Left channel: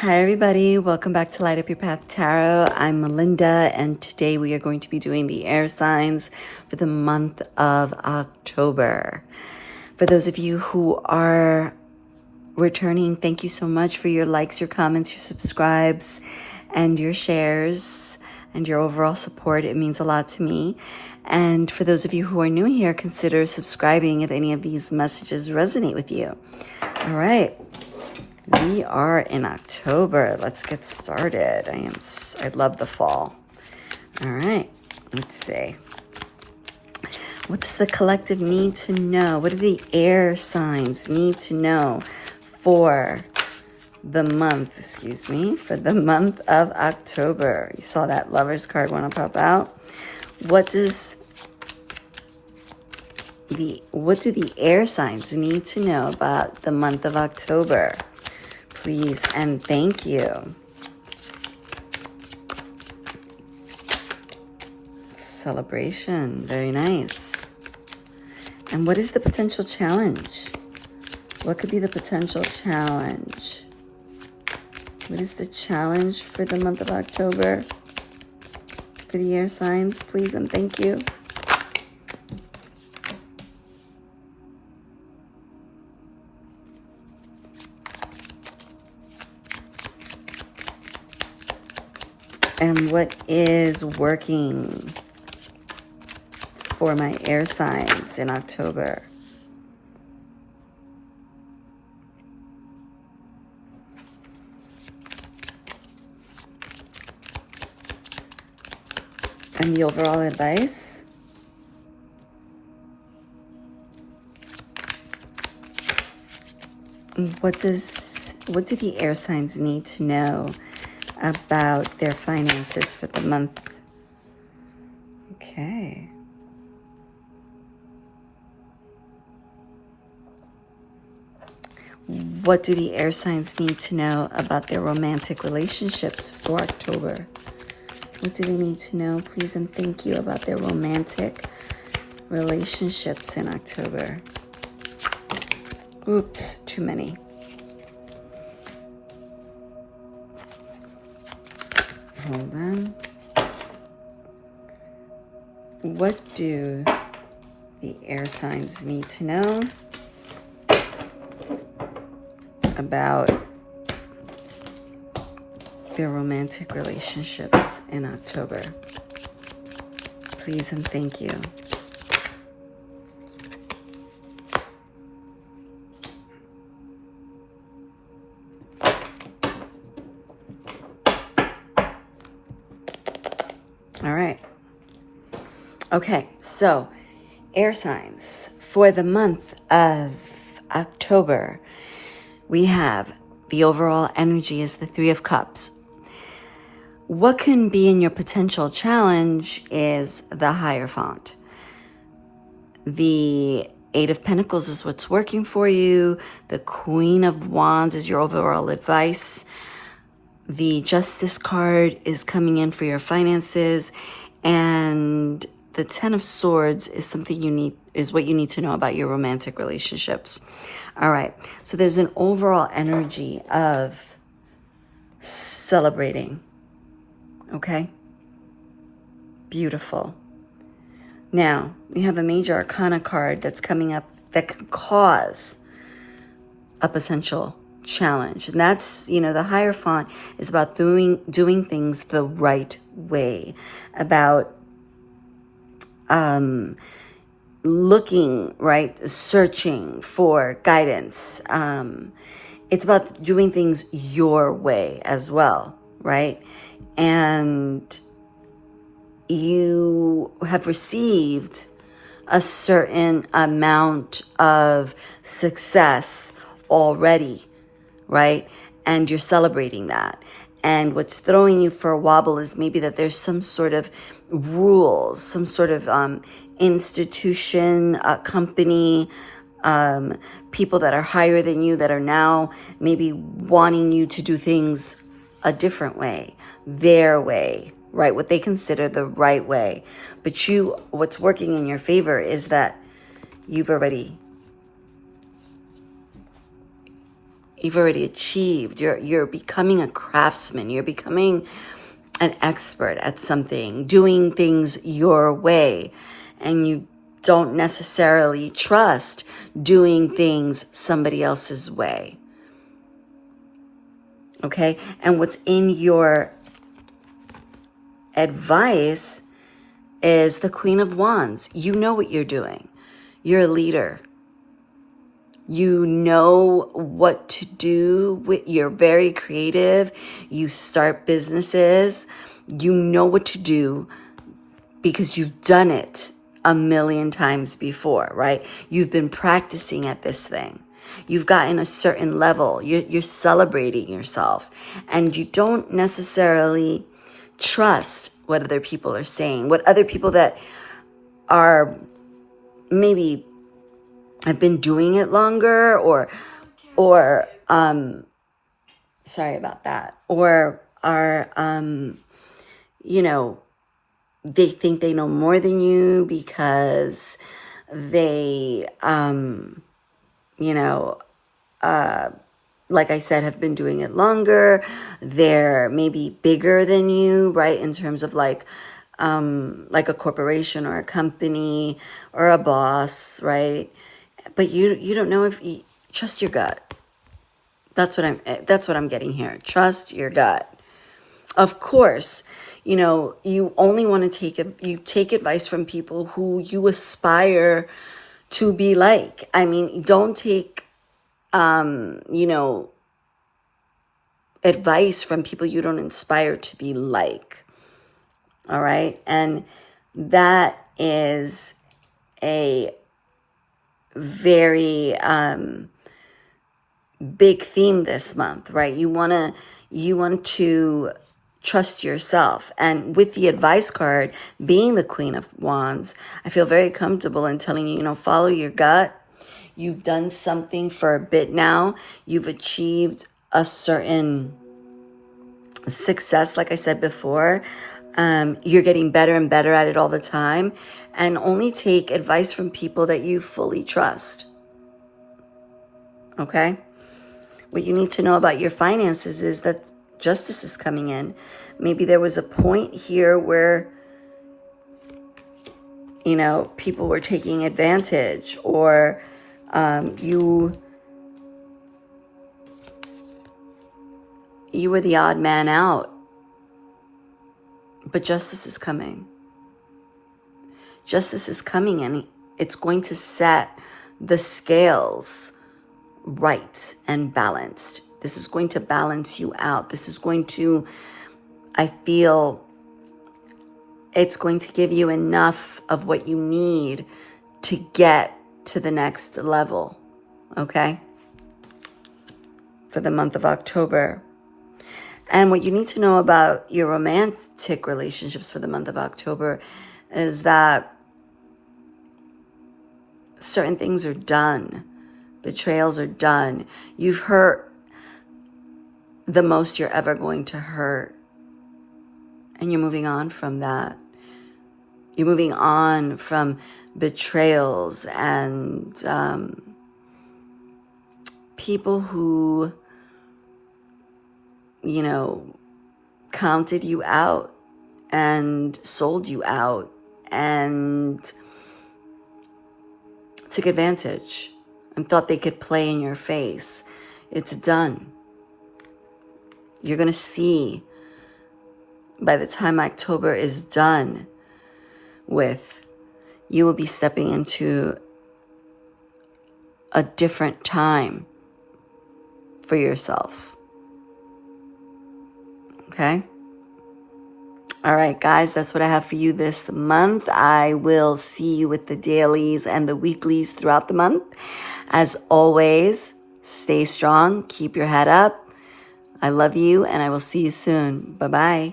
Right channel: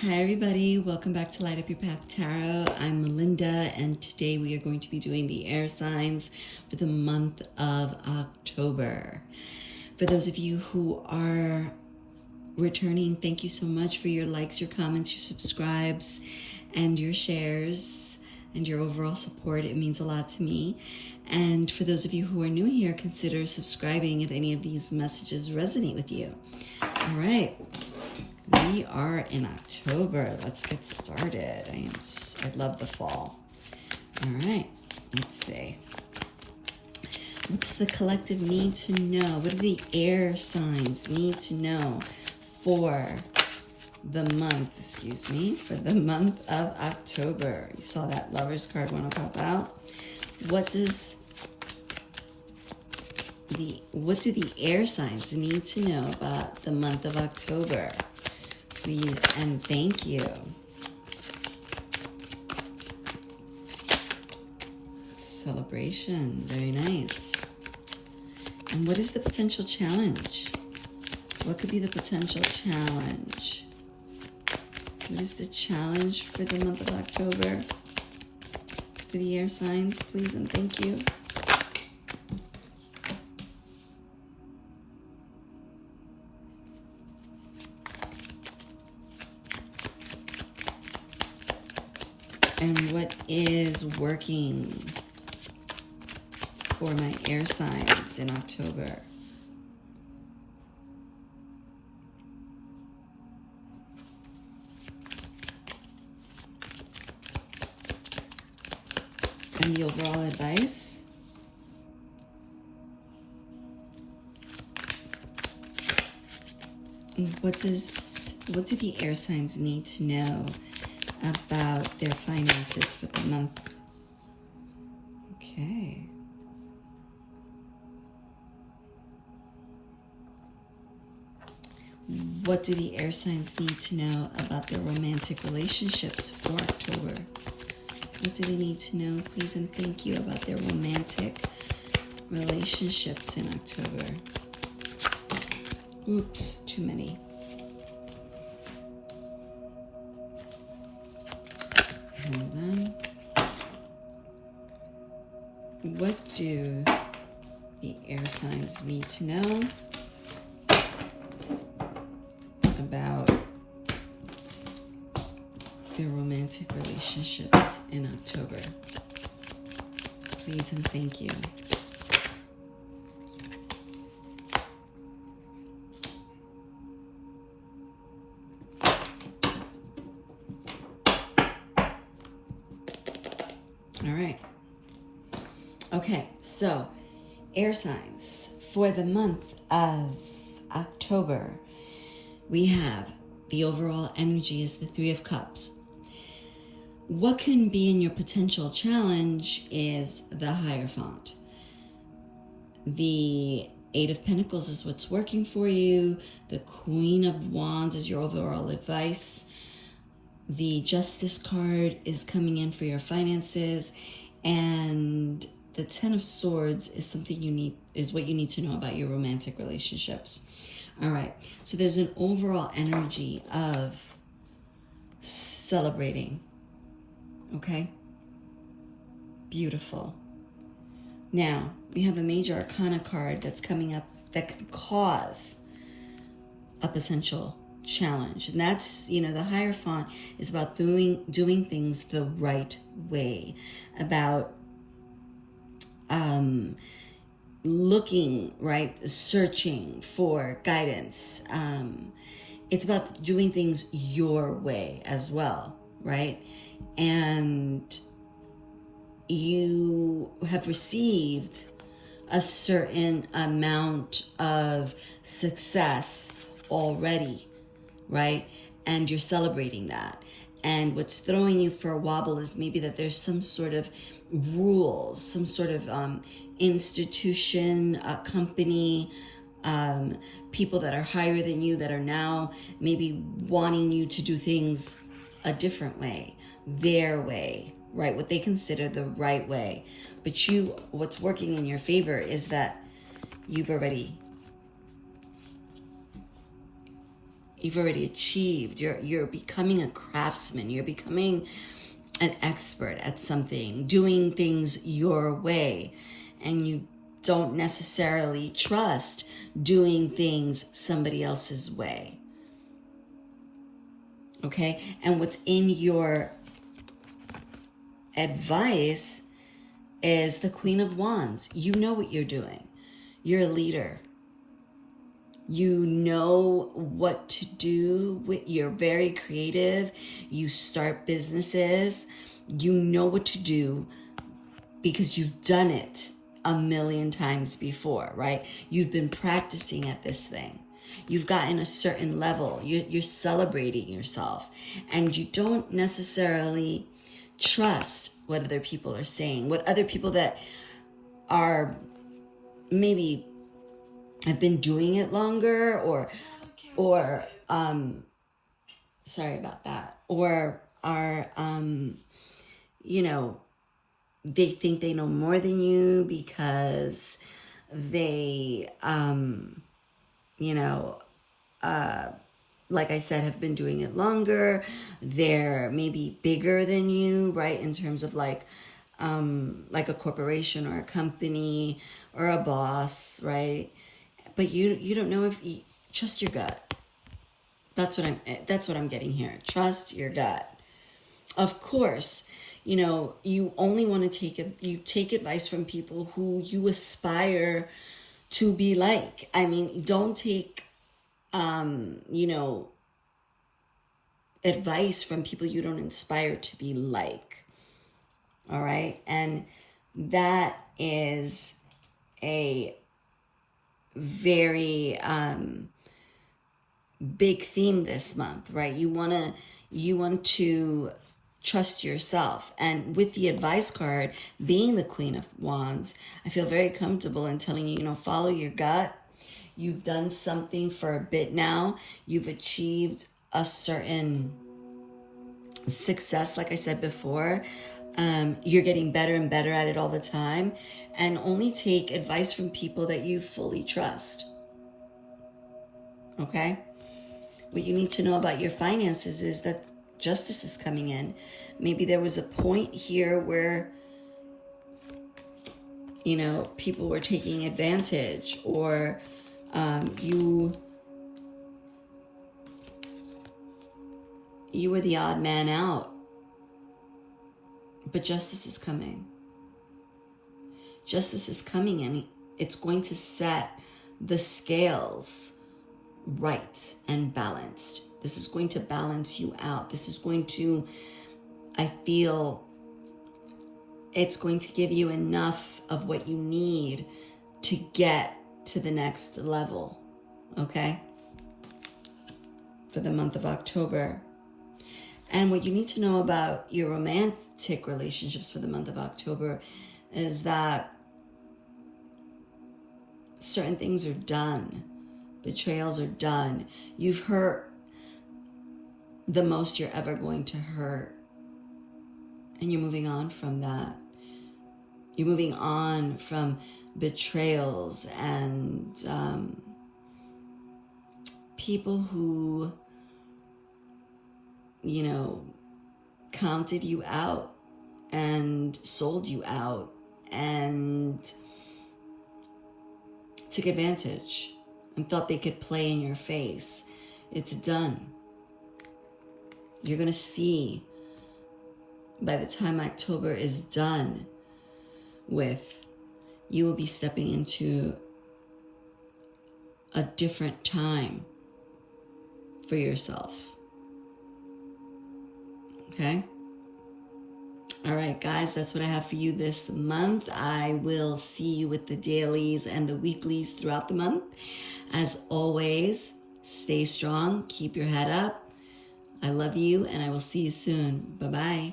Hi everybody, welcome back to Light Up Your Path Tarot. I'm Melinda and today we are going to be doing the air signs for the month of October. For those of you who are returning, thank you so much for your likes, your comments, your subscribes, and your shares, and your overall support. It means a lot to me. And for those of you who are new here, consider subscribing if any of these messages resonate with you. All right. We are in October. Let's get started. I love the fall. All right, let's see. What's the collective need to know? What do the air signs need to know for the month, for the month of October? You saw that Lover's card want to pop out. What do the air signs need to know about the month of October? Please and thank you. Celebration, very nice. And what is the potential challenge? What could be the potential challenge? What is the challenge for the month of October? For the air signs, please and thank you. And what is working for my air signs in October? And the overall advice? What do the air signs need to know about their finances for the month? Okay. What do the air signs need to know about their romantic relationships for October? What do they need to know, please and thank you, about their romantic relationships in October? Oops, too many. Hold on. What do the air signs need to know about their romantic relationships in October? Please and thank you. All right. Okay, so air signs for the month of October. We have the overall energy is the Three of Cups. What can be in your potential challenge is the Hierophant. The Eight of Pentacles is what's working for you. The Queen of Wands is your overall advice. The Justice card is coming in for your finances, and the Ten of Swords is what you need to know about your romantic relationships. All right, so there's an overall energy of celebrating. Okay, beautiful. Now we have a Major Arcana card that's coming up that can cause a potential challenge, and that's, the Hierophant is about doing things the right way, about looking right, searching for guidance. It's about doing things your way as well, right? And you have received a certain amount of success already, right? And you're celebrating that. And what's throwing you for a wobble is maybe that there's some sort of rules, some sort of institution, company, people that are higher than you that are now maybe wanting you to do things a different way, their way, right? What they consider the right way. But what's working in your favor is that you've already You've already achieved. You're becoming a craftsman. You're becoming an expert at something, doing things your way. And you don't necessarily trust doing things somebody else's way. Okay? And what's in your advice is the Queen of Wands. You know what you're doing. You're a leader. You know what to do. You're very creative. You start businesses. You know what to do because you've done it a million times before, right? You've been practicing at this thing. You've gotten a certain level. You're celebrating yourself. And you don't necessarily trust what other people are saying, what other people that are maybe have been doing it longer or sorry about that, or are they think they know more than you because they like I said, have been doing it longer. They're maybe bigger than you, right? In terms of like a corporation or a company or a boss, right? But you don't know if you trust your gut. That's what I'm getting here. Trust your gut. Of course, you only want to take advice from people who you aspire to be like. I mean, don't take advice from people you don't inspire to be like. All right? And that is a very big theme this month, right? You want to trust yourself. And with the advice card being the Queen of Wands, I feel very comfortable in telling you, follow your gut. You've done something for a bit now. You've achieved a certain success, like I said before. You're getting better and better at it all the time. And only take advice from people that you fully trust. Okay? What you need to know about your finances is that justice is coming in. Maybe there was a point here where, people were taking advantage, or you were the odd man out. But justice is coming. Justice is coming, and it's going to set the scales right and balanced. This is going to balance you out. This is going to, I feel, it's going to give you enough of what you need to get to the next level, okay? For the month of October. And what you need to know about your romantic relationships for the month of October is that certain things are done. Betrayals are done. You've hurt the most you're ever going to hurt. And you're moving on from that. You're moving on from betrayals and people who, counted you out and sold you out and took advantage and thought they could play in your face. It's done. You're going to see by the time October is done with, you will be stepping into a different time for yourself. Okay? All right, guys, that's what I have for you this month. I will see you with the dailies and the weeklies throughout the month. As always, stay strong, keep your head up. I love you, and I will see you soon. Bye-bye.